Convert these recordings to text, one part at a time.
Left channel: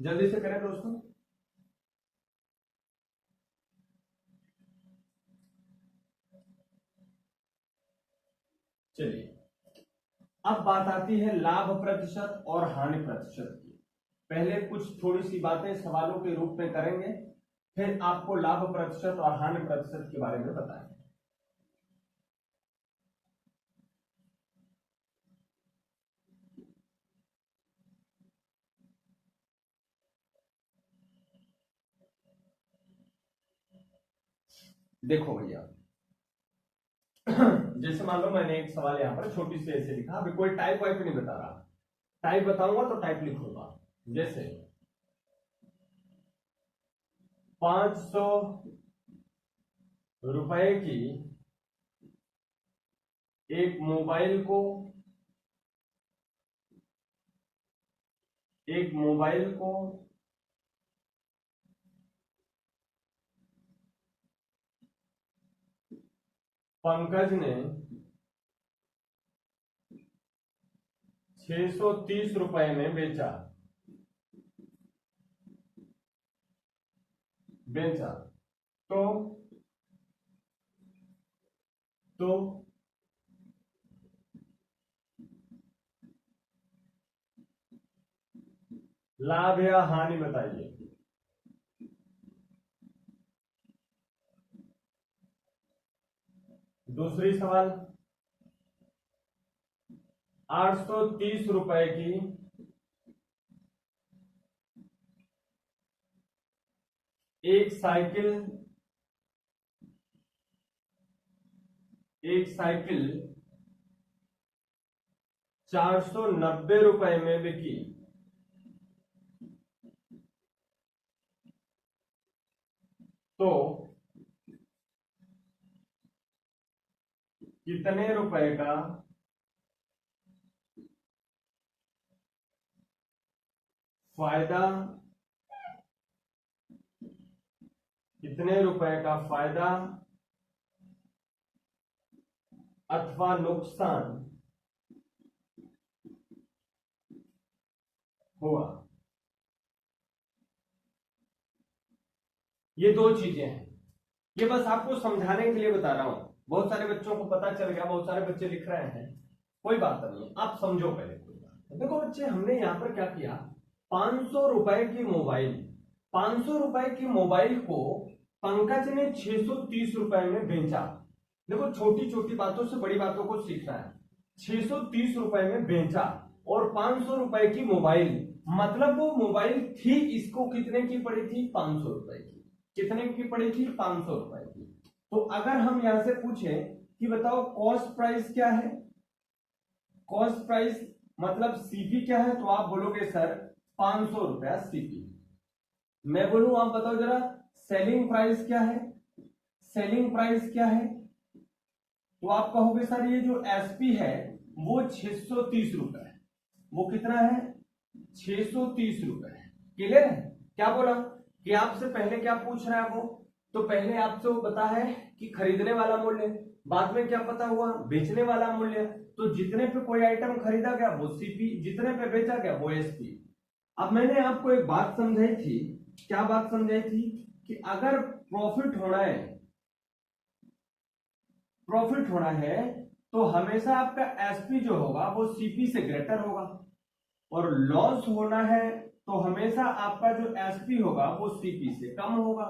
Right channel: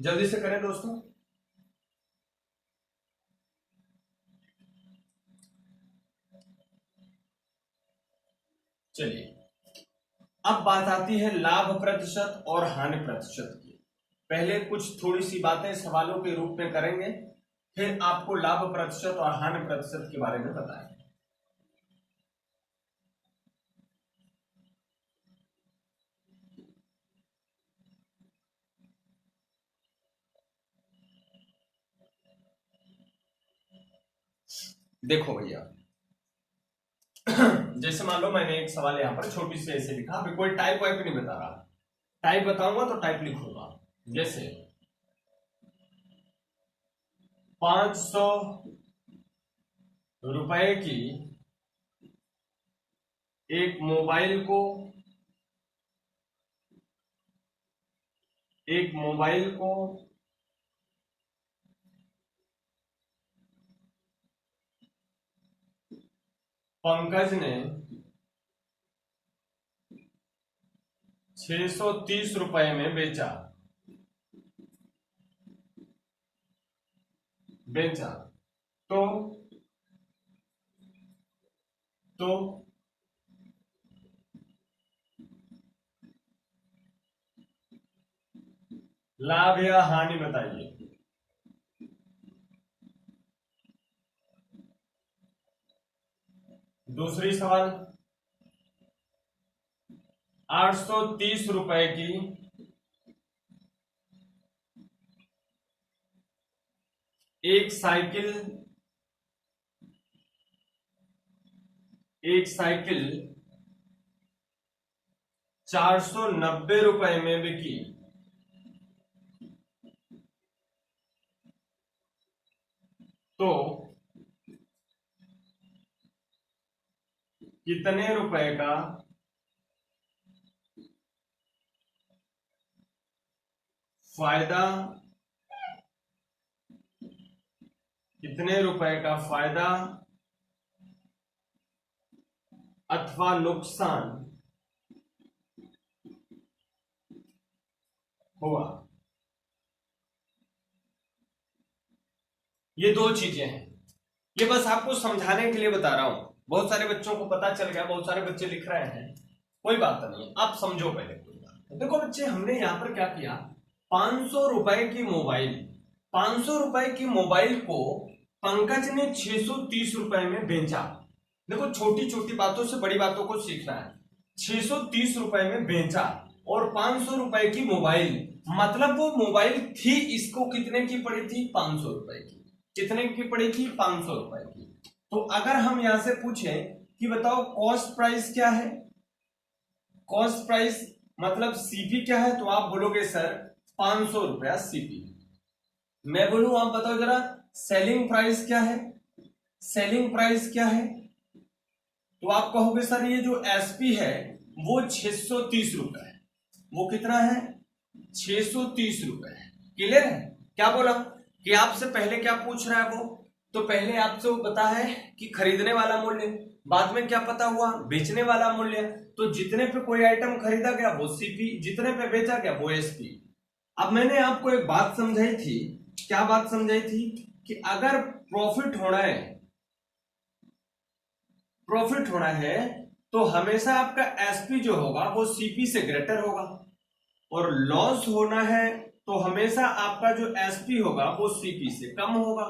जल्दी से करें दोस्तों। चलिए, अब बात आती है लाभ प्रतिशत और हानि प्रतिशत की। पहले कुछ थोड़ी सी बातें सवालों के रूप में करेंगे, फिर आपको लाभ प्रतिशत और हानि प्रतिशत के बारे में बताएंगे। देखो भैया, जैसे मान लो मैंने एक सवाल यहां पर छोटी सी ऐसे लिखा, अभी कोई टाइप वाइप नहीं बता रहा, टाइप बताऊंगा तो टाइप लिखूंगा। जैसे 500 रुपए की एक मोबाइल को पंकज ने 630 रुपए में बेचा तो लाभ या हानि बताइए। दूसरी सवाल, 830 रुपए की एक साइकिल 490 रुपए में बिकी तो कितने रुपए का फायदा अथवा नुकसान हुआ। ये दो चीजें हैं, ये बस आपको समझाने के लिए बता रहा हूं। बहुत सारे बच्चों को पता चल गया, बहुत सारे बच्चे लिख रहे हैं, कोई बात नहीं, आप समझो पहले। कोई बात देखो बच्चे, हमने यहां पर क्या किया, 500 रुपए की मोबाइल को पंकज ने 630 रुपए में बेचा। देखो, छोटी छोटी बातों से बड़ी बातों को सीखना है। 630 रुपए में बेचा और 500 रुपए की मोबाइल, मतलब वो मोबाइल थी, इसको कितने की पड़ी थी, 500 रुपए की। कितने की पड़ी थी, 500 रुपए की। तो अगर हम यहां से पूछें कि बताओ कॉस्ट प्राइस क्या है, कॉस्ट प्राइस मतलब सीपी क्या है, तो आप बोलोगे सर 500 रुपया सीपी। मैं बोलूं, आप बताओ जरा सेलिंग प्राइस क्या है, सेलिंग प्राइस क्या है, तो आप कहोगे सर ये जो एसपी है वो 630 रुपए है। वो कितना है, 630 रुपए है। क्लियर है? क्या बोला कि आपसे पहले क्या पूछ रहा है वो, तो पहले आपसे वो पता है कि खरीदने वाला मूल्य, बाद में क्या पता हुआ, बेचने वाला मूल्य। तो जितने पे कोई आइटम खरीदा गया वो सीपी, जितने पे बेचा गया वो एसपी। अब मैंने आपको एक बात समझाई थी, क्या बात समझाई थी, कि अगर प्रॉफिट होना है तो हमेशा आपका एसपी जो होगा वो सीपी से ग्रेटर होगा, और लॉस होना है तो हमेशा आपका जो एसपी होगा वो सीपी से कम होगा।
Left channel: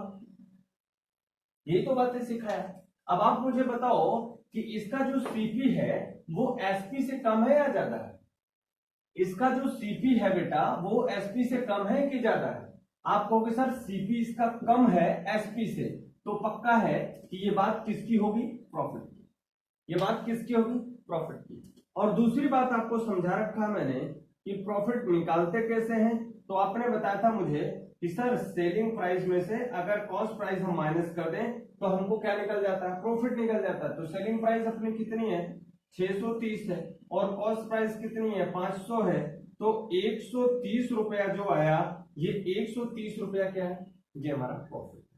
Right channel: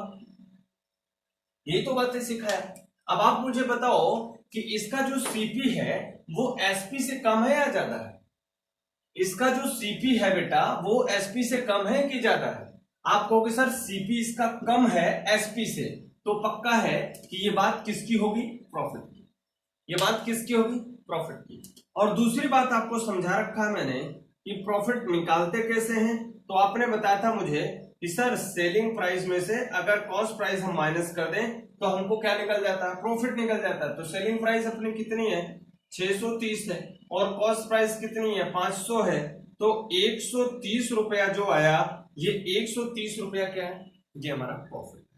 ये तो बातें सीखा है। अब आप मुझे बताओ कि इसका जो सीपी है वो एसपी से कम है या ज्यादा है? इसका जो सीपी है बेटा वो एसपी से कम है कि ज्यादा है? आप कहोगे सर सीपी इसका कम है एसपी से, तो पक्का है कि ये बात किसकी होगी, प्रॉफिट की। ये बात किसकी होगी, प्रॉफिट की। और दूसरी बात आपको समझा रखा है मैंने कि प्रॉफिट निकालते कैसे हैं, तो आपने बताया था मुझे कि सर सेलिंग प्राइस में से अगर कॉस्ट प्राइस हम माइनस कर दें तो हमको क्या निकल जाता है, प्रॉफिट निकल जाता है। तो सेलिंग प्राइस अपनी कितनी है, 630 है, और कॉस्ट प्राइस कितनी है, 500 है। तो 130 रुपया जो आया, ये 130 रुपया क्या है, ये हमारा प्रॉफिट है।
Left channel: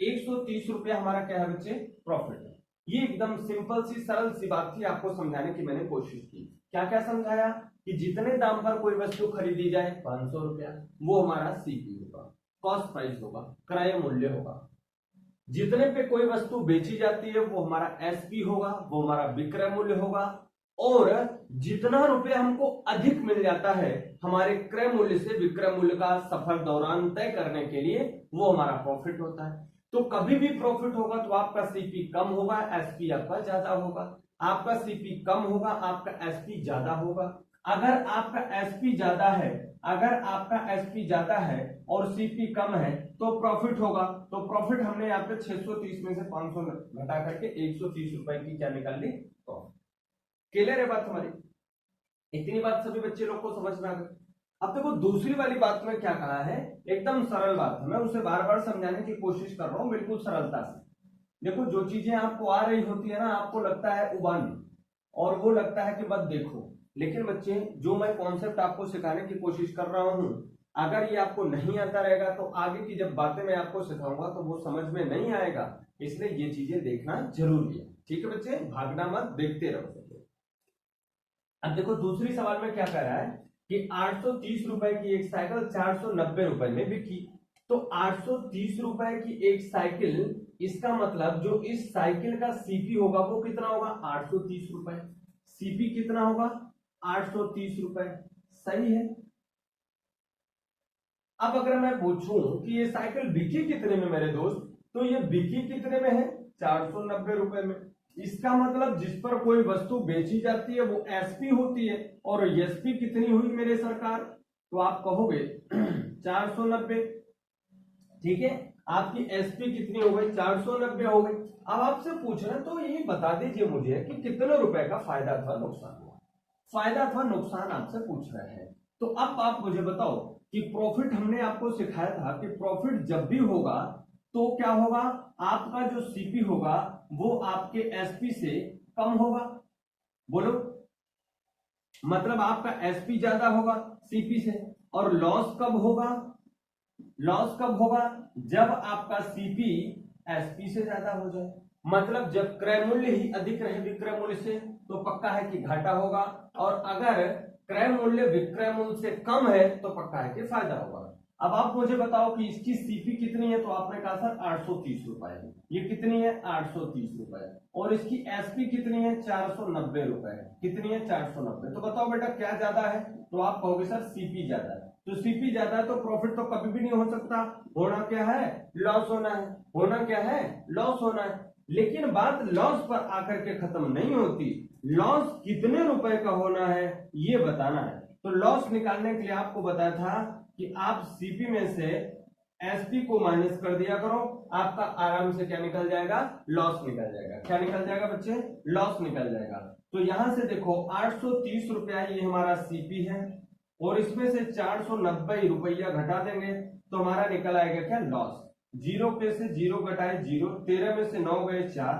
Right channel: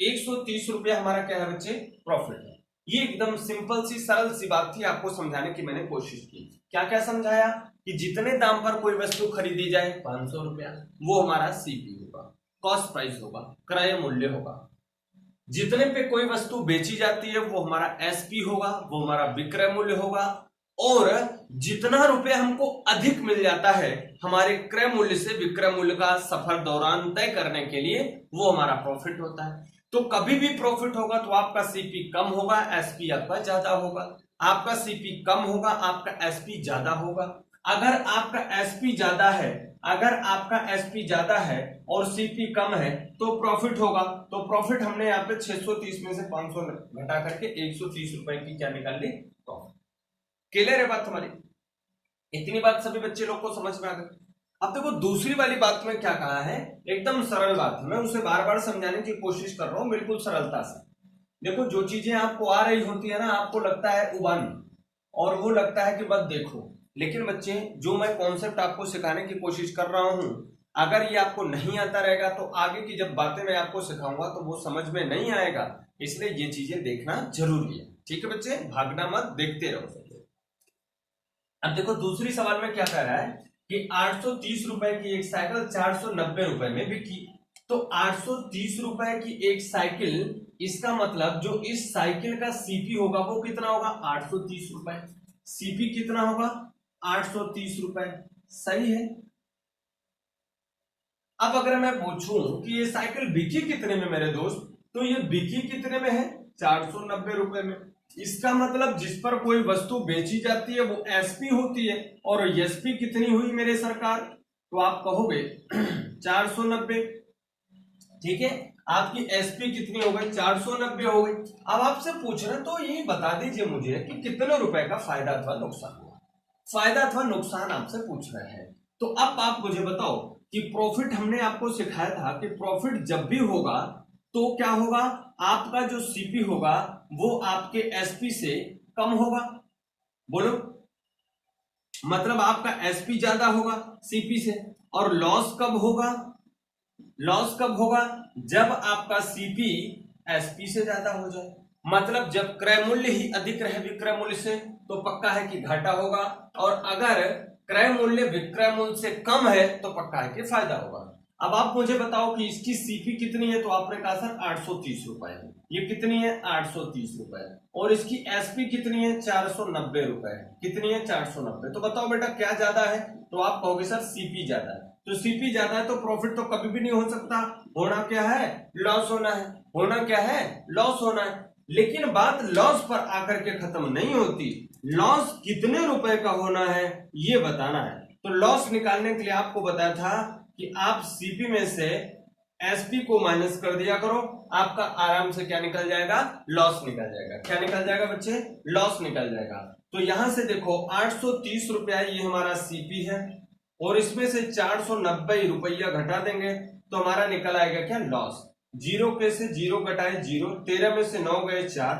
130 रुपया हमारा क्या है बच्चे, प्रॉफिट है। ये एकदम सिंपल सी सरल सी बात थी, आपको समझाने की मैंने कोशिश की। क्या क्या समझाया, कि जितने दाम पर कोई वस्तु खरीदी जाए 500 रुपया, वो हमारा सीपी होगा, कॉस्ट प्राइस होगा, क्रय मूल्य होगा। जितने पे कोई वस्तु बेची जाती है वो हमारा एसपी होगा, वो हमारा विक्रय मूल्य होगा। और जितना रुपए हमको अधिक मिल जाता है हमारे क्रय मूल्य से विक्रय मूल्य का सफर दौरान तय करने के लिए, वो हमारा प्रॉफिट होता है। तो कभी भी प्रॉफिट होगा तो आपका सीपी कम होगा, एसपी आपका ज्यादा होगा। आपका सीपी कम होगा, आपका एसपी ज्यादा होगा। अगर आपका एसपी ज्यादा है, अगर आपका एसपी ज्यादा है और सीपी कम है तो प्रॉफिट होगा। तो प्रॉफिट हमने यहाँ पे 630 में से 500 घटा करके 130 रुपए की क्या निकाल ली, प्रॉफिट। क्लियर है बात हमारी? इतनी बात सभी बच्चे लोग को समझ में आ गई। अब देखो दूसरी वाली बात में क्या कहा है, एकदम सरल बात है, मैं उसे बार बार समझाने की कोशिश कर रहा हूं बिल्कुल सरलता से। देखो जो चीजें आपको आ रही होती है ना, आपको लगता है उबान और वो लगता है कि बस देखो, लेकिन बच्चे जो मैं कॉन्सेप्ट आपको सिखाने की कोशिश कर रहा हूं, अगर ये आपको नहीं आता रहेगा तो आगे की जब बातें मैं आपको सिखाऊंगा तो वो समझ में नहीं आएगा। इसलिए ये चीजें देखना जरूरी है। ठीक है बच्चे, भागना मत, देखते रहो। अब देखो दूसरी सवाल में क्या कह रहा है कि 830 रुपए की एक साइकिल 490 रुपए में बिकी। तो 830 रुपए की एक साइकिल, इसका मतलब जो इस साइकिल का सीपी होगा वो कितना होगा, 830 रुपए। सीपी कितना होगा, 830 रुपए। सही है। अब अगर मैं पूछूं कि ये साइकिल बिकी कितने में मेरे दोस्त, तो ये बिकी कितने में है, 490 रुपए में। इसका मतलब जिस पर कोई वस्तु बेची जाती है वो एसपी होती है, और एसपी कितनी हुई मेरे सरकार, तो आप कहोगे 490। ठीक है, आपकी एसपी कितनी हो गई, 490 हो गई। अब आपसे पूछ रहे हैं तो ये बता दीजिए मुझे कि कितने रुपए का फायदा अथवा नुकसान हुआ। फायदा अथवा नुकसान आपसे पूछ रहे हैं। तो अब आप मुझे बताओ कि प्रॉफिट हमने आपको सिखाया था कि प्रॉफिट जब भी होगा तो क्या होगा, आपका जो सीपी होगा वो आपके एसपी से कम होगा। बोलो, मतलब आपका एसपी ज्यादा होगा सीपी से। और लॉस कब होगा, लॉस कब होगा, जब आपका सीपी एसपी से ज्यादा हो जाए। मतलब जब क्रय मूल्य ही अधिक रहे विक्रय मूल्य से तो पक्का है कि घाटा होगा, और अगर क्रय मूल्य विक्रय मूल्य से कम है तो पक्का है कि फायदा होगा। अब आप मुझे बताओ कि इसकी सीपी कितनी है, तो आपने कहा सर 830 रुपए है। ये कितनी है, 830 रुपए। और इसकी एसपी कितनी है, 490 रुपए। कितनी है, 490। तो बताओ बेटा क्या ज्यादा है, तो आप कहोगे सर सीपी ज्यादा है। तो सीपी ज्यादा है तो प्रॉफिट तो कभी भी नहीं हो सकता, होना क्या है, लॉस होना है। होना क्या है, लॉस होना है। लेकिन बात लॉस पर आकर के खत्म नहीं होती, लॉस कितने रुपए का होना है ये बताना है। तो लॉस निकालने के लिए आपको बताया था कि आप सीपी में से एसपी को माइनस कर दिया करो, आपका आराम से क्या निकल जाएगा, लॉस निकल जाएगा। क्या निकल जाएगा बच्चे, लॉस निकल जाएगा। तो यहां से देखो 830 रुपया ये हमारा सीपी है, और इसमें से 490 रुपया घटा देंगे तो हमारा निकल आएगा क्या, लॉस। जीरो पे से जीरो घटाए जीरो, 13 में से 9 गए 4,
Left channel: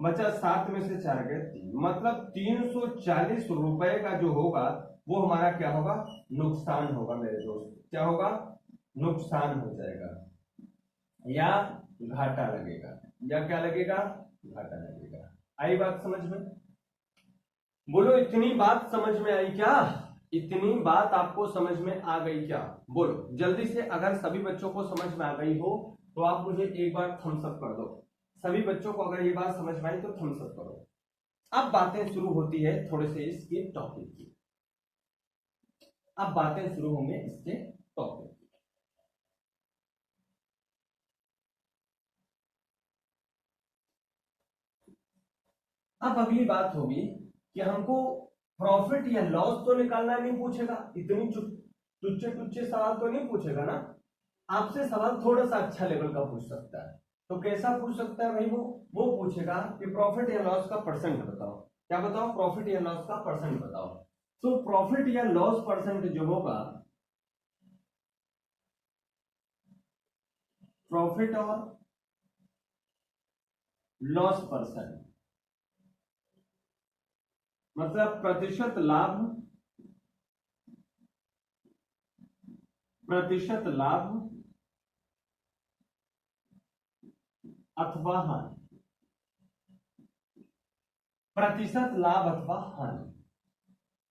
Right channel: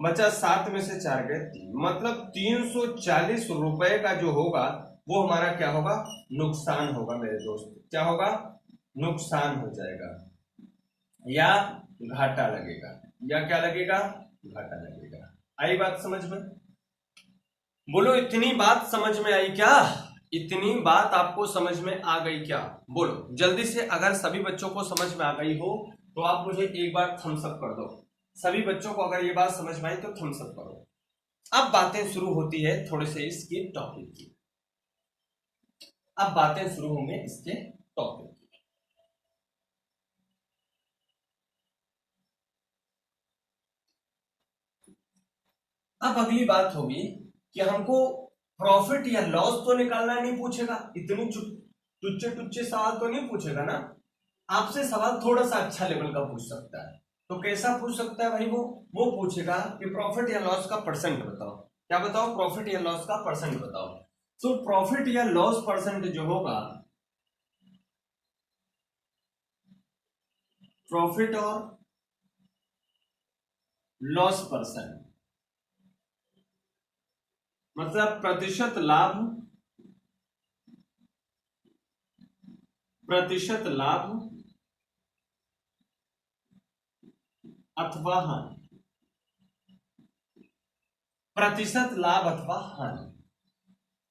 बचा 7 में से 4 गए 3, मतलब 340 रुपए का जो होगा वो हमारा क्या होगा, नुकसान होगा मेरे दोस्त। क्या होगा, नुकसान हो जाएगा या घाटा लगेगा, या क्या लगेगा, घाटा लगेगा। आई बात समझ में? बोलो इतनी बात समझ में आई क्या, इतनी बात आपको समझ में आ गई क्या, बोलो जल्दी से। अगर सभी बच्चों को समझ में आ गई हो तो आप मुझे एक बार थम्स अप कर दो। सभी बच्चों को अगर ये बात समझ में आई तो थम्स अप करो। अब बातें शुरू होती है थोड़े से इसके टॉपिक की। अब बातें शुरू होंगे इसके टॉपिक की। अब अगली बात होगी कि हमको प्रॉफिट या लॉस तो निकालना नहीं पूछेगा, इतनी टुच्चे टुच्चे सवाल तो नहीं पूछेगा ना। आपसे सवाल थोड़ा सा अच्छा लेवल का पूछ सकता है। तो कैसा पूछ सकता है भाई, वो पूछेगा कि प्रॉफिट या लॉस का परसेंट बताओ। क्या बताओ, प्रॉफिट या लॉस का परसेंट बताओ। तो प्रॉफिट या लॉस परसेंट जो होगा, प्रॉफिट और लॉस परसेंट मतलब प्रतिशत लाभ, प्रतिशत लाभ अथवा हानि, प्रतिशत लाभ अथवा हानि।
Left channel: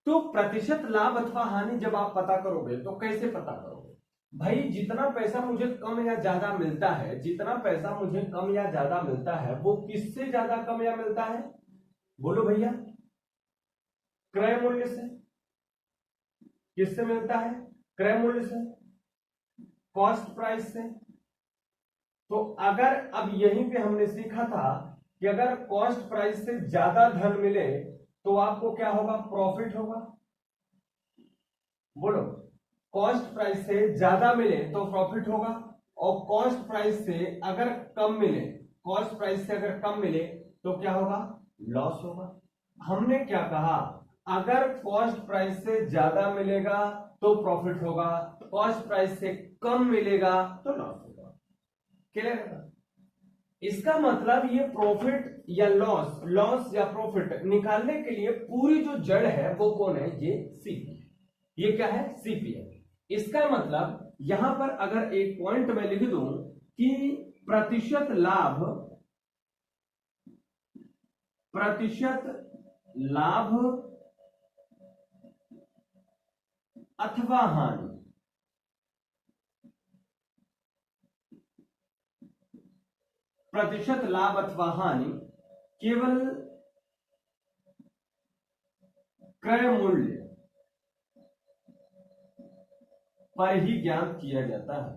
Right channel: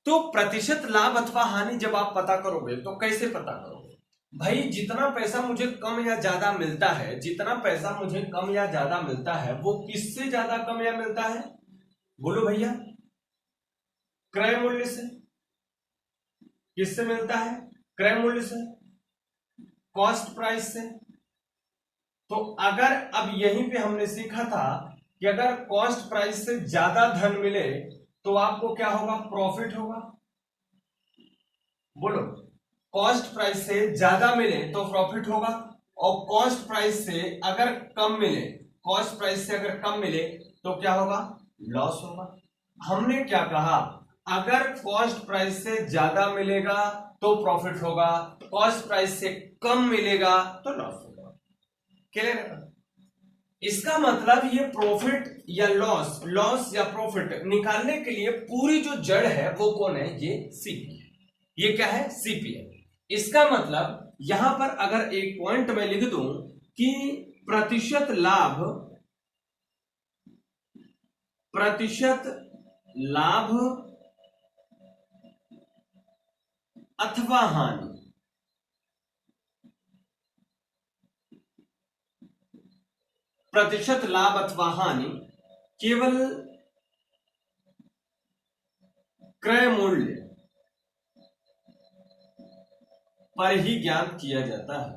तो प्रतिशत लाभ अथवा हानि जब आप पता करोगे तो कैसे पता करोगे? भाई जितना पैसा मुझे कम या ज्यादा मिलता है, जितना पैसा मुझे कम या ज्यादा मिलता है वो किससे ज्यादा कम या मिलता है? बोलो भैया। क्रय मूल्य से। किससे मिलता है? क्रय मूल्य से, कॉस्ट प्राइस से। तो अगर अब यहीं पे हमने सीखा था कि अगर कॉस्ट प्राइस से ज्यादा धन मिले तो आपको क्या होगा? प्रॉफिट होगा। बोलो, कॉस्ट प्राइस से ज्यादा मिले तो प्रॉफिट होगा, और कॉस्ट प्राइस से अगर कम मिले, कॉस्ट प्राइस से अगर कम मिले तो क्या होगा? लॉस होगा। हमने क्या कहा? अगर कॉस्ट प्राइस से ज्यादा मिलेगा तो प्रॉफिट होगा, कॉस्ट प्राइस से कम मिलेगा तो लॉस होगा। क्लियर है? इसका मतलब ये प्रॉफिट या लॉस, लॉस या प्रॉफिट निकालने के लिए पूरी जो जड़ है वो कौन है? ये सीपी है। ये क्या है? सीपी है। इसका मतलब यहां पर अगर एक पॉइंट में लिख दूं कि प्रतिशत लाभ, प्रतिशत लाभ अथवा हानि, प्रतिशत लाभ अथवा हानि केवल क्रय मूल्य पर ही ज्ञात किया जाता है,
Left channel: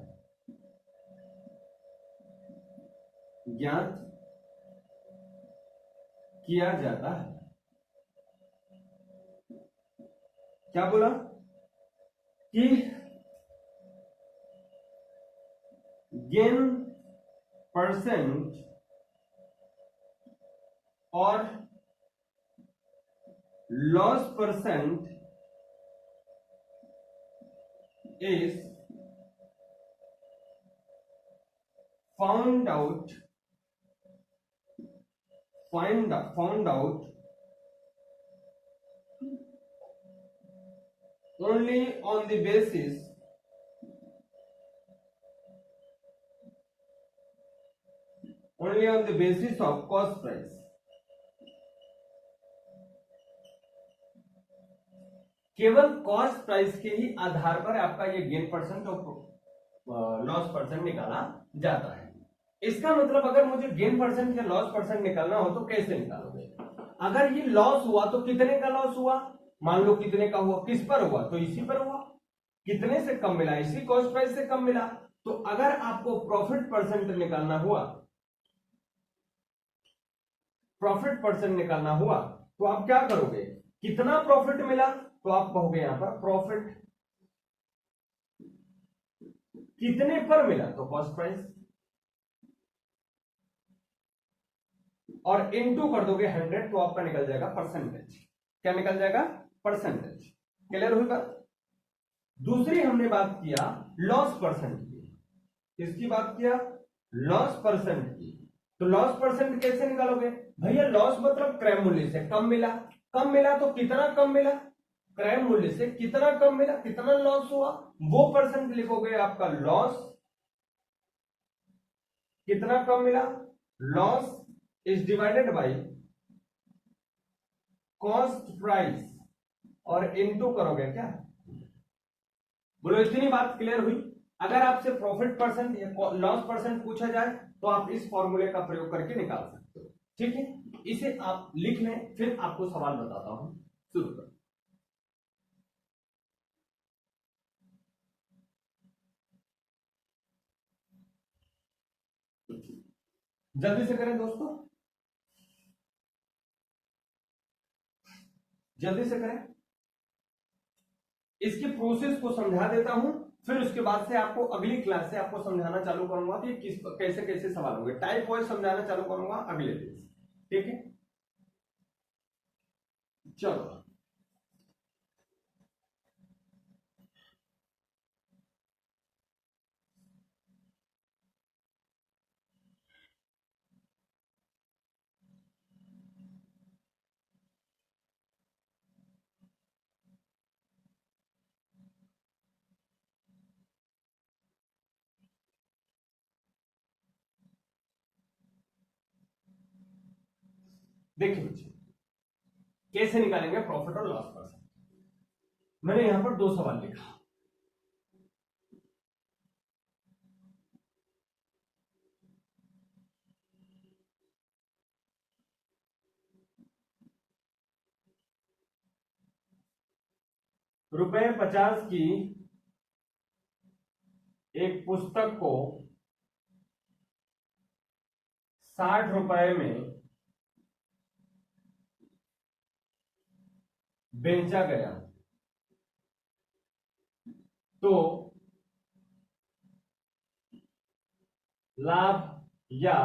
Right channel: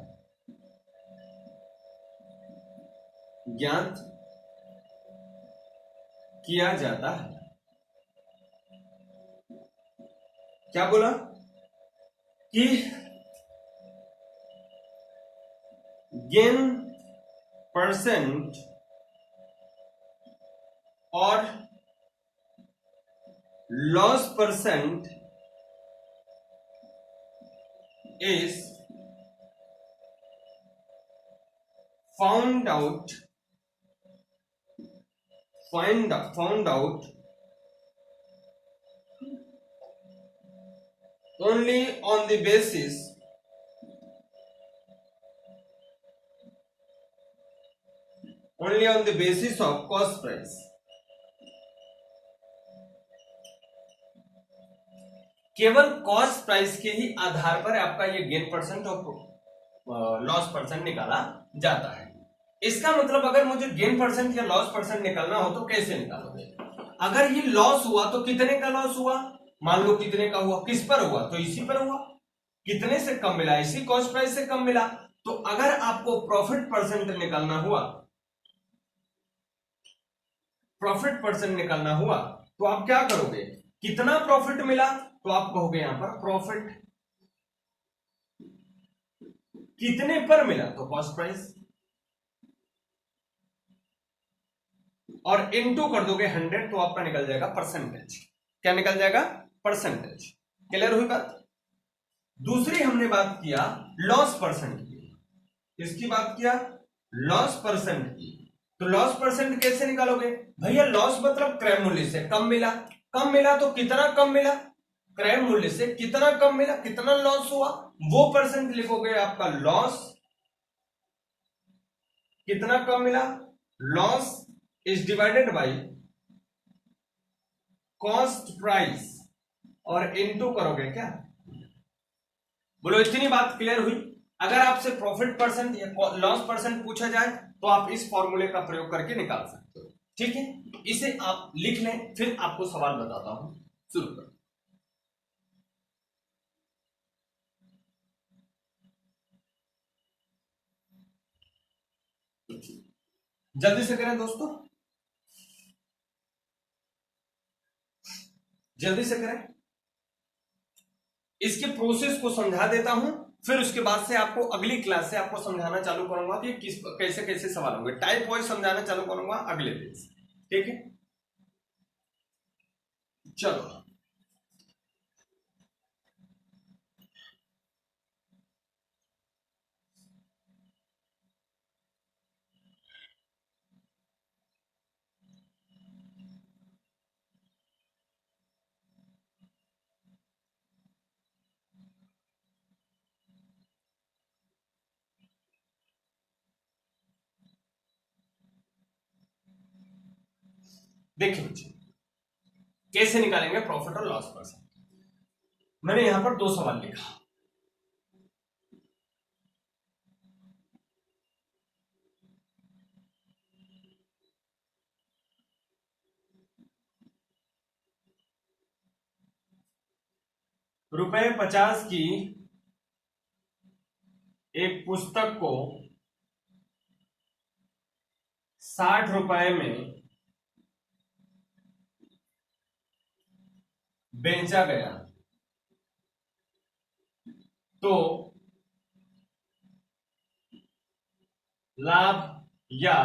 ज्ञात किया जाता है। क्या बोला? कि गेन परसेंट और loss percent is found out only on the basis of cost price। केवल कॉस्ट प्राइस के ही आधार पर आपका ये गेन परसेंट और लॉस परसेंट निकाला जाता है। इसका मतलब अगर मुझे गेन परसेंट या लॉस परसेंट निकालना हो तो कैसे निकालोगे? अगर ये लॉस हुआ तो कितने का लॉस हुआ? मान लो कितने का हुआ, किस पर हुआ? तो इसी पर हुआ। कितने से कम मिला? इसी कॉस्ट प्राइस से कम मिला। तो अगर आपको प्रॉफिट परसेंट निकालना हुआ, प्रॉफिट परसेंट निकालना हुआ तो आप क्या करोगे? कितना प्रॉफिट मिला तो आप कहोगे यहां पर प्रॉफिट। कितने पर मिला तो कॉस्ट प्राइस, और इनटू कर दोगे 100 तो आपका निकल जाएगा परसेंटेज। क्या निकल जाएगा? परसेंटेज। क्लियर हुई बात? दूसरी हमने बात किया लॉस परसेंट की। किसकी बात किया? लॉस परसेंट की। तो लॉस परसेंट कैसे निकालोगे? भैया लॉस मतलब क्रय मूल्य से कम मिला। कम मिला तो कितना कम मिला? क्रय मूल्य से कितना कम मिला, कितना लॉस हुआ, वो परसेंट लिखोगे आपका लॉस। कितना कम मिला? Loss is divided by cost price और इनटू करोगे क्या? बोलो, इतनी बात क्लियर हुई? अगर आपसे प्रॉफिट परसेंट या लॉस परसेंट पूछा जाए तो आप इस फॉर्मूले का प्रयोग करके निकाल सकते हो। ठीक है, इसे आप लिख लें, फिर आपको सवाल बताता हूं। शुरू करो। जल्दी से करें दोस्तों, जल्दी से करें। इसके प्रोसेस को समझा देता हूं, फिर उसके बाद से आपको अगली क्लास से आपको समझाना चालू करूंगा कि किस कैसे कैसे सवाल होंगे। टाइप वाइज समझाना चालू करूंगा अगले दिन से। ठीक है, चलो। देखिए बच्चे, कैसे निकालेंगे प्रॉफिट और लॉस परसेंट। मैंने यहां पर 2 सवाल लिखा। ₹50 की एक पुस्तक को 60 रुपए में बेचा गया तो लाभ या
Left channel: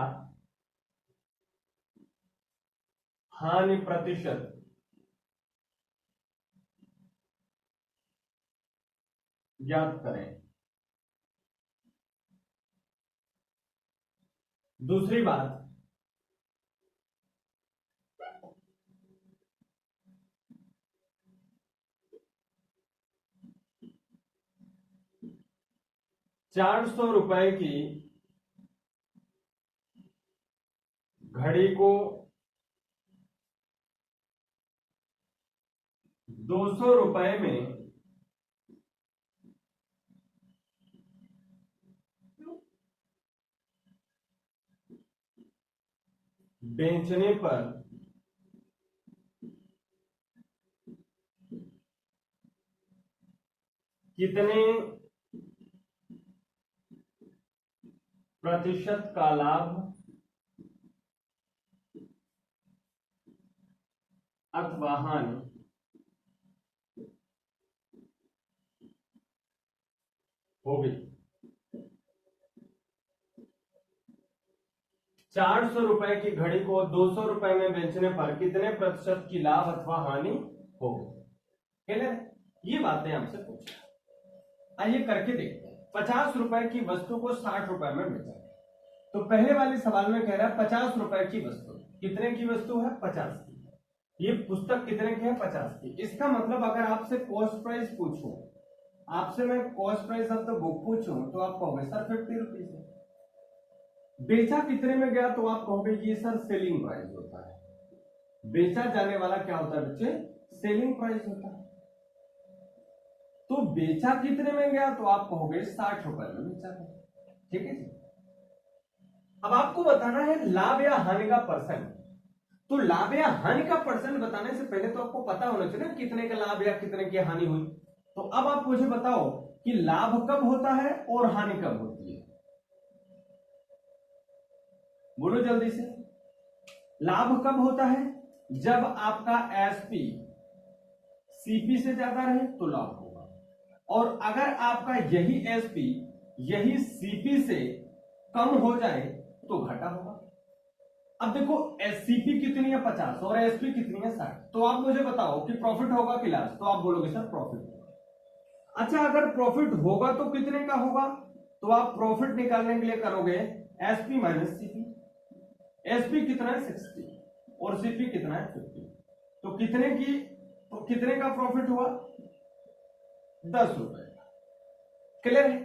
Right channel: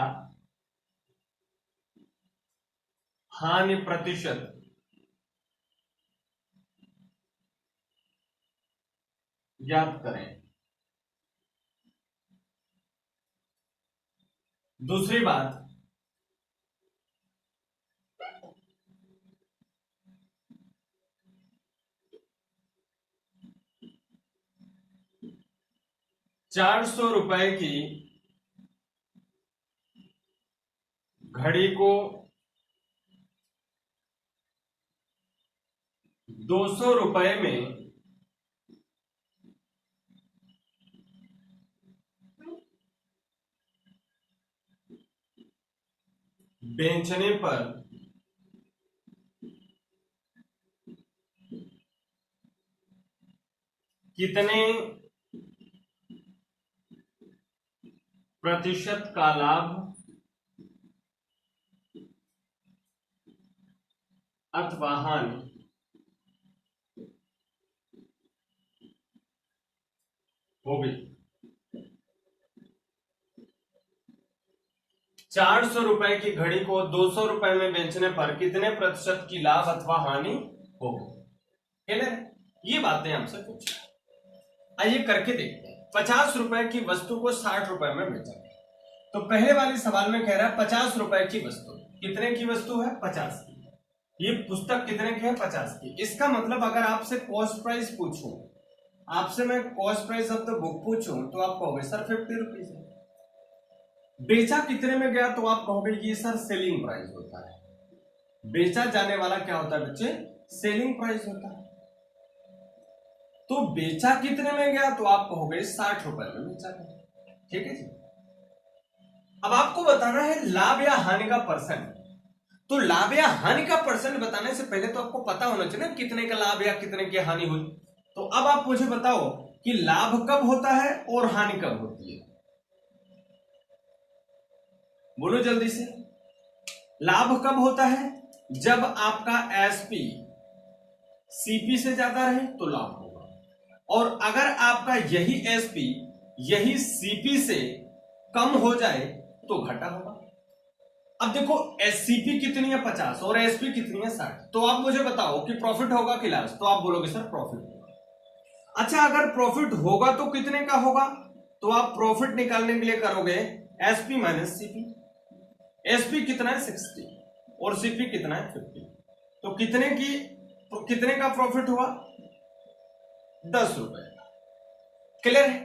हानि प्रतिशत ज्ञात करें। दूसरी बात, ₹400 की घड़ी को ₹200 में बेचने पर कितने प्रतिशत का लाभ अथवा हानि होगी। ₹400 की घड़ी को ₹200 में बेचने पर कितने प्रतिशत की लाभ अथवा हानि होगी। ये बातें हमसे पूछा। आइए करके देखते हैं। ₹50 की वस्तु को ₹60 में बेचा गया। तो पहले वाले सवाल में कह रहा है ₹50 की वस्तु। कितने की वस्तु है? 50 की। ये पुस्तक कितने की है? 50 की। इसका मतलब अगर आपसे कॉस्ट प्राइस पूछूं, आपसे मैं cost price of the book पूछूं तो आप कहोगे सर 50 रुपीज है। बेचा कितने में गया तो आप कहोगे ये सर सेलिंग प्राइस होता है। बेचा जाने वाला क्या होता है बच्चे? सेलिंग प्राइस होता है। तो बेचा कितने में गया तो आप कहोगे ₹60 में बेचा गया। ठीक है जी। अब आपको बताना है लाभ या हानि का परसेंट। तो लाभ या हानि का परसेंट बताने से पहले तो आपको पता होना चाहिए ना कितने का लाभ या कितने की हानि हुई। तो अब आप मुझे बताओ कि लाभ कब होता है और हानि कब होती है। बोलो जल्दी से। लाभ कब होता है? जब आपका एसपी सीपी से ज्यादा रहे तो लाभ होगा, और अगर आपका यही एसपी यही सीपी से कम हो जाए तो घाटा होगा। अब देखो एससीपी कितनी है? 50 और एसपी कितनी है? 60। तो आप मुझे बताओ कि प्रॉफिट होगा कि लॉस? तो आप बोलोगे सर प्रॉफिट होगा। अच्छा, अगर प्रॉफिट होगा तो कितने का होगा? तो आप प्रॉफिट निकालने के लिए करोगे एसपी माइनस सीपी। एसपी कितना है? 60 और सीपी कितना है? 50। तो कितने का प्रॉफिट हुआ? ₹10। क्लियर है?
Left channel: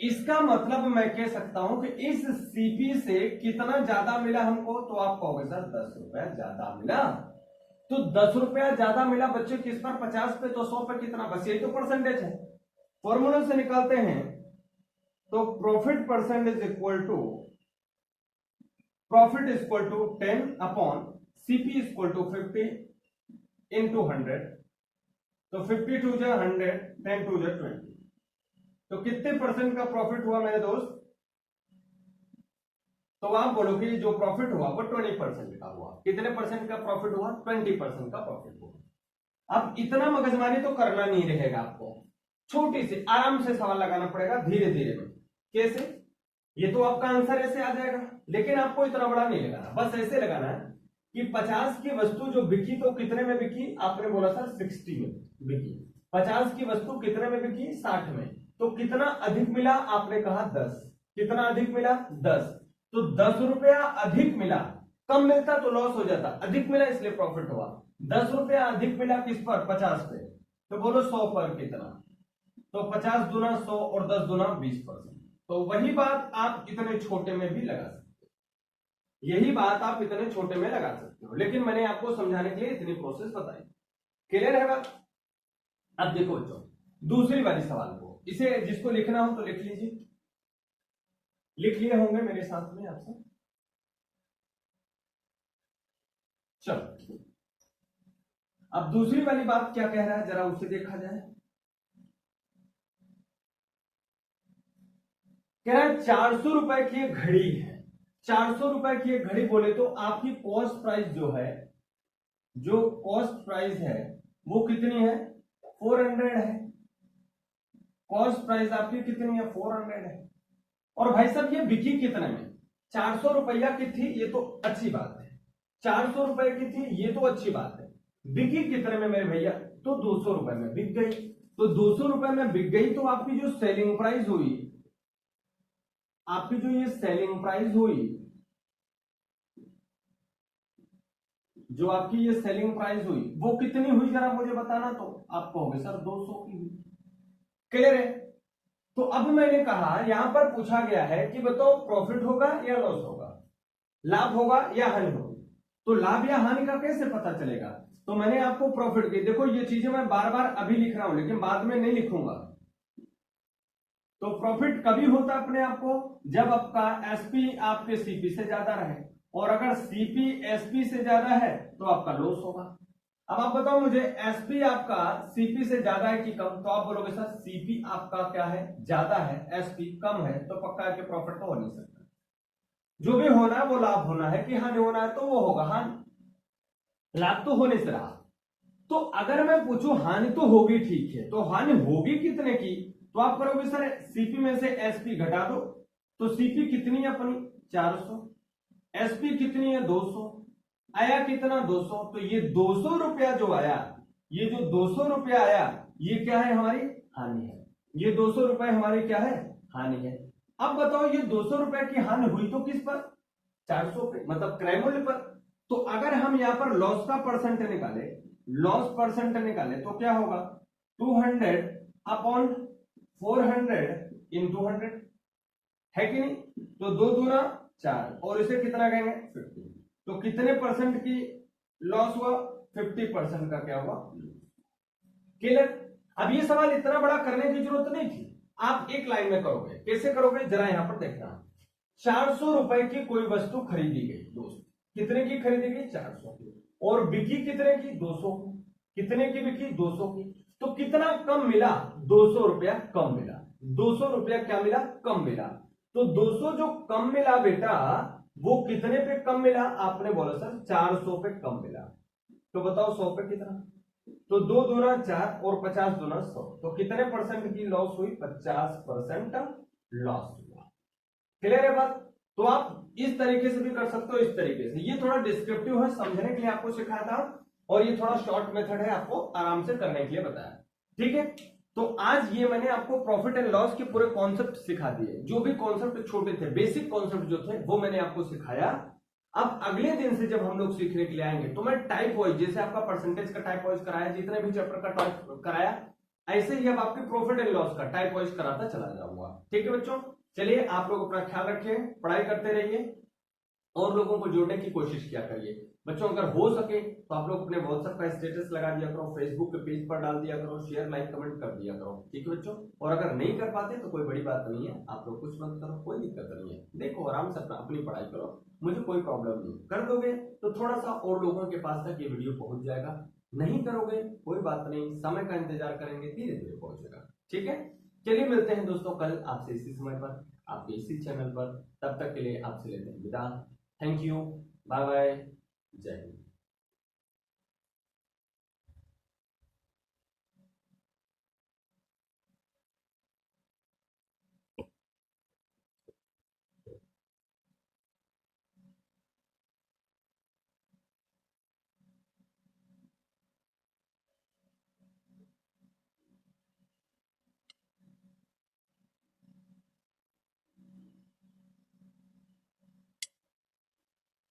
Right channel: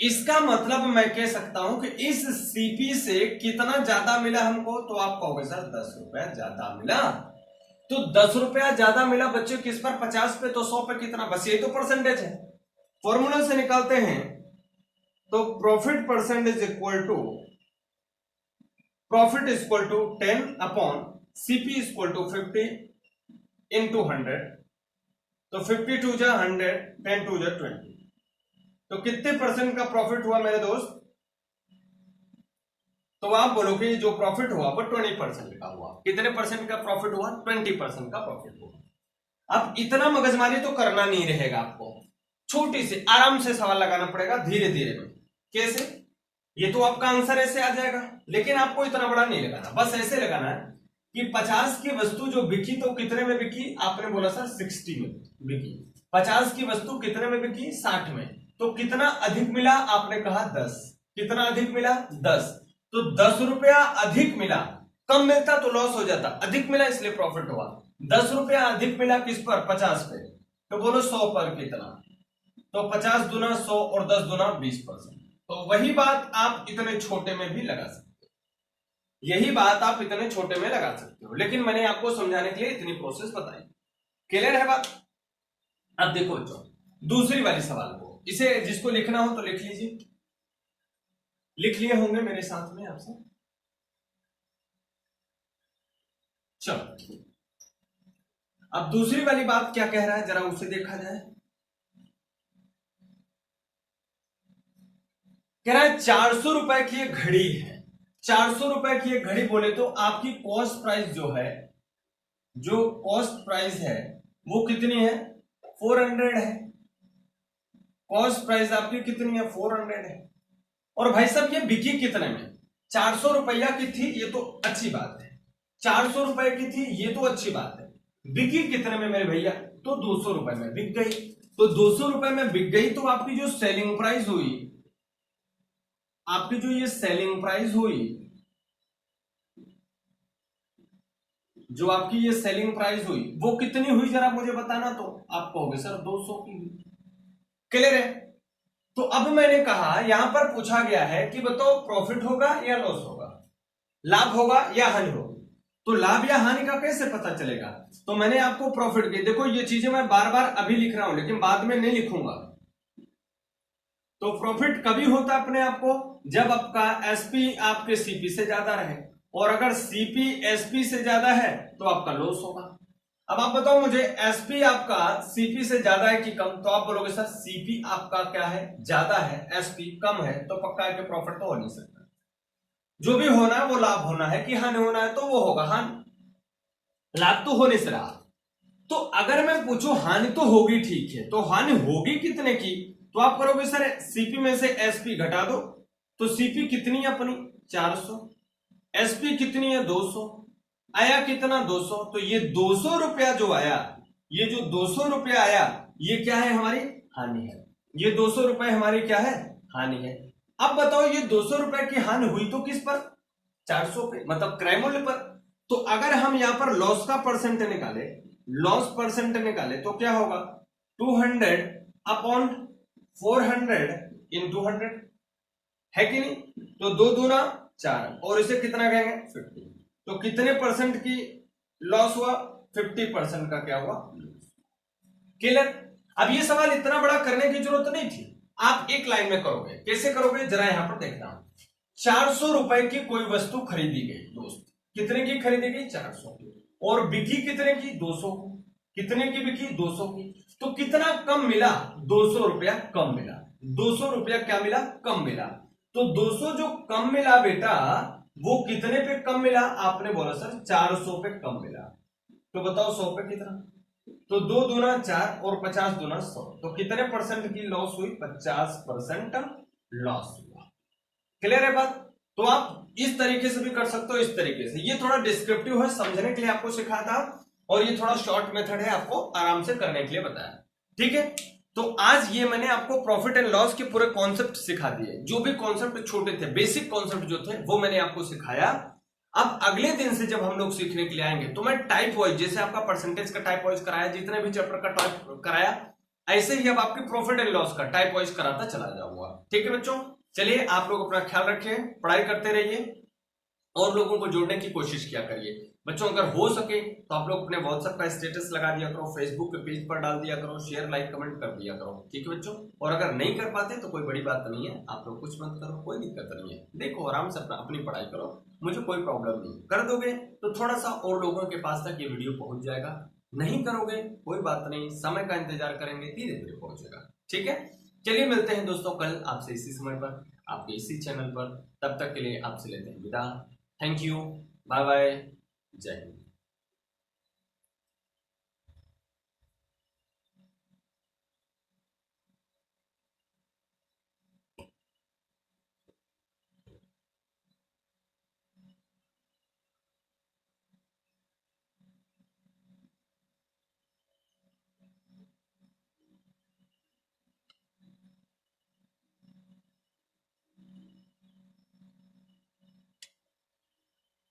इसका मतलब मैं कह सकता हूं कि इस सीपी से कितना ज्यादा मिला हमको, तो आप कहोगे सर ₹10 ज्यादा मिला। तो ₹10 ज्यादा मिला बच्चे किस पर? 50 पे। तो 100 पे कितना? बस ये तो परसेंटेज है। फॉर्मूला से निकालते हैं तो profit percent is equal to 10 upon CP is equal to 50 into 100। तो 50 टू जा 100, 10 टू जा 20। तो कितने परसेंट का प्रॉफिट हुआ मेरे दोस्त? तो आप बोलोगे जो प्रॉफिट हुआ वो 20% का हुआ। कितने परसेंट का प्रॉफिट हुआ? 20% का प्रॉफिट हुआ। अब इतना मगजमारी तो करना नहीं रहेगा आपको, छोटी सी आराम से सवाल लगाना पड़ेगा धीरे धीरे में। कैसे? ये तो आपका आंसर ऐसे आ जाएगा, लेकिन आपको इतना बड़ा नहीं लगाना, बस ऐसे लगाना है कि 50 की वस्तु जो बिकी तो कितने में बिकी? आपने बोला सर 60 में बिकी। 50 की वस्तु कितने में बिकी? 60 में। तो कितना अधिक मिला? आपने कहा 10। कितना अधिक मिला? 10। तो ₹10 अधिक मिला। कम मिलता तो लॉस हो जाता, अधिक मिला इसलिए प्रॉफिट हुआ। ₹10 अधिक मिला किस पर? 50 पे। तो बोलो 100 पर कितना? तो 50 दूना 100 और 10 दूना 20%। तो वही बात आप इतने छोटे में भी लगा सकते हो, यही बात आप इतने छोटे में लगा सकते हो, लेकिन मैंने आपको समझाने के लिए इतनी प्रोसेस बताई। क्लियर है बात? अब देखो बच्चों, दूसरी वाली सवाल को, इसे जिसको लिखना हो तो लिख लीजिए, लिख लिए होंगे मेरे साथ में आपसे। चलो अब दूसरी वाली बात क्या कह रहा है जरा उसे देखा जाए। कह रहा है 400 रुपए की एक घड़ी है, 400 रुपए की एक घड़ी बोले तो आपकी कॉस्ट प्राइस जो है, जो कॉस्ट प्राइस है वो कितनी है, 400 है। कॉस्ट प्राइस आपकी कितनी है, 400 है। और भाई साहब ये बिकी कितने में, 400 रुपया की थी, ये तो अच्छी बात है, 400 रुपए की थी, ये तो अच्छी बात है। बिकी कितने में मेरे भैया, तो 200 रुपए में बिक गई। तो 200 रुपए में बिक गई तो आपकी जो सेलिंग प्राइस हुई, आपकी जो ये सेलिंग प्राइस हुई, जो आपकी ये सेलिंग प्राइस हुई वो कितनी हुई जरा मुझे बताना। तो आप कहोगे सर 200 की हुई। क्लियर है। तो अब मैंने कहा यहां पर पूछा गया है कि बताओ प्रॉफिट होगा या लॉस होगा, लाभ होगा या हानि होगी। तो लाभ या हानि का कैसे पता चलेगा, तो मैंने आपको प्रॉफिट की, देखो ये चीजें मैं बार बार अभी लिख रहा हूं लेकिन बाद में नहीं लिखूंगा। तो प्रॉफिट कभी होता अपने आप को, जब आपका एसपी आपके सीपी से ज्यादा रहे, और अगर सीपी एसपी से ज्यादा है तो आपका लॉस होगा। अब आप बताओ मुझे, एसपी आपका सीपी से ज्यादा है कि कम, तो आप बोलोगे सर सीपी आपका क्या है, ज्यादा है, एसपी कम है, तो पक्का है कि प्रॉफिट तो हो नहीं सकता। जो भी होना है वो लाभ होना है कि हानि होना है, तो वो होगा हानि, लाभ तो होने से रहा। तो अगर मैं पूछूं हानि तो होगी, ठीक है, तो हानि होगी कितने की, तो आप करोगे सर सीपी में से एसपी घटा दो, तो सीपी कितनी है अपनी 400, एसपी कितनी है 200, आया कितना 200। तो ये 200 रुपया जो आया, ये जो 200 रुपया आया, ये क्या है, हमारी हानि है। ये 200 रुपए हमारी क्या है, हानि है। अब बताओ ये 200 रुपए की हानि हुई तो किस पर, 400 पे, मतलब क्रय मूल्य पर। तो अगर हम यहां पर लॉस का परसेंट निकाले, लॉस परसेंट निकाले तो क्या होगा, 200 अपॉन 400 इंटू 100 है कि नहीं। तो 2 दूना 4, और इसे कितना कहेंगे 50। तो कितने परसेंट की लॉस हुआ, 50% का क्या हुआ, क्लियर। अब ये सवाल इतना बड़ा करने की जरूरत नहीं थी, आप एक लाइन में करोगे। कैसे करोगे जरा यहां पर देखना। 400 रुपए की कोई वस्तु खरीदी गई दोस्त, कितने की खरीदी गई, 400 की, और बिकी कितने की, 200 की। कितने की बिकी, 200 की। तो कितना कम मिला, 200 रुपया कम मिला। 200 रुपया क्या मिला, कम मिला। तो 200 जो कम मिला बेटा, वो कितने पे कम मिला, आपने बोला सर 400 पे कम मिला। तो बताओ 100 पे कितना, तो 2 दूना 4 और 50 दूना 100, तो कितने परसेंट की लॉस हुई, 50% लॉस हुआ। क्लियर है बात। तो आप इस तरीके से भी कर सकते हो, इस तरीके से। ये थोड़ा डिस्क्रिप्टिव है, समझने के लिए आपको सिखाया था, और ये थोड़ा शॉर्ट मेथड है, आपको आराम से करने के लिए बताया, ठीक है। तो आज ये मैंने आपको प्रॉफिट एंड लॉस के पूरे कॉन्सेप्ट सिखा दिए। जो भी कॉन्सेप्ट छोटे थे, बेसिक कॉन्सेप्ट जो थे, वो मैंने आपको सिखाया। अब अगले दिन से जब हम लोग सीखने के लिए आएंगे तो मैं टाइप वाइज, जैसे आपका परसेंटेज का टाइप वाइज कराया, जितने भी चैप्टर का टाइप कराया, ऐसे ही अब आपके प्रॉफिट एंड लॉस का टाइप वाइज कराता चला जाऊंगा, ठीक है बच्चों। चलिए आप लोग अपना ख्याल रखिए, पढ़ाई करते रहिए, और लोगों को जोड़ने की कोशिश किया करिए बच्चों। अगर हो सके तो आप लोग अपने व्हाट्सएप का स्टेटस लगा दिया करो, फेसबुक के पेज पर डाल दिया करो, शेयर लाइक कमेंट कर दिया करो, ठीक है बच्चों। और अगर नहीं कर पाते तो कोई बड़ी बात नहीं है, आप लोग कुछ मत करो, कोई दिक्कत नहीं है। देखो आराम से अपनी पढ़ाई करो, मुझे कोई प्रॉब्लम नहीं। कर दोगे तो थोड़ा सा और लोगों के पास तक ये वीडियो पहुंच जाएगा, नहीं करोगे कोई बात नहीं, समय का इंतजार करेंगे, धीरे धीरे पहुंचेगा, ठीक है। चलिए मिलते हैं दोस्तों कल आपसे इसी समय पर, आपके इसी चैनल पर। तब तक के लिए आपसे लेते हैं विदा। थैंक यू, बाय बाय, जय हिंद।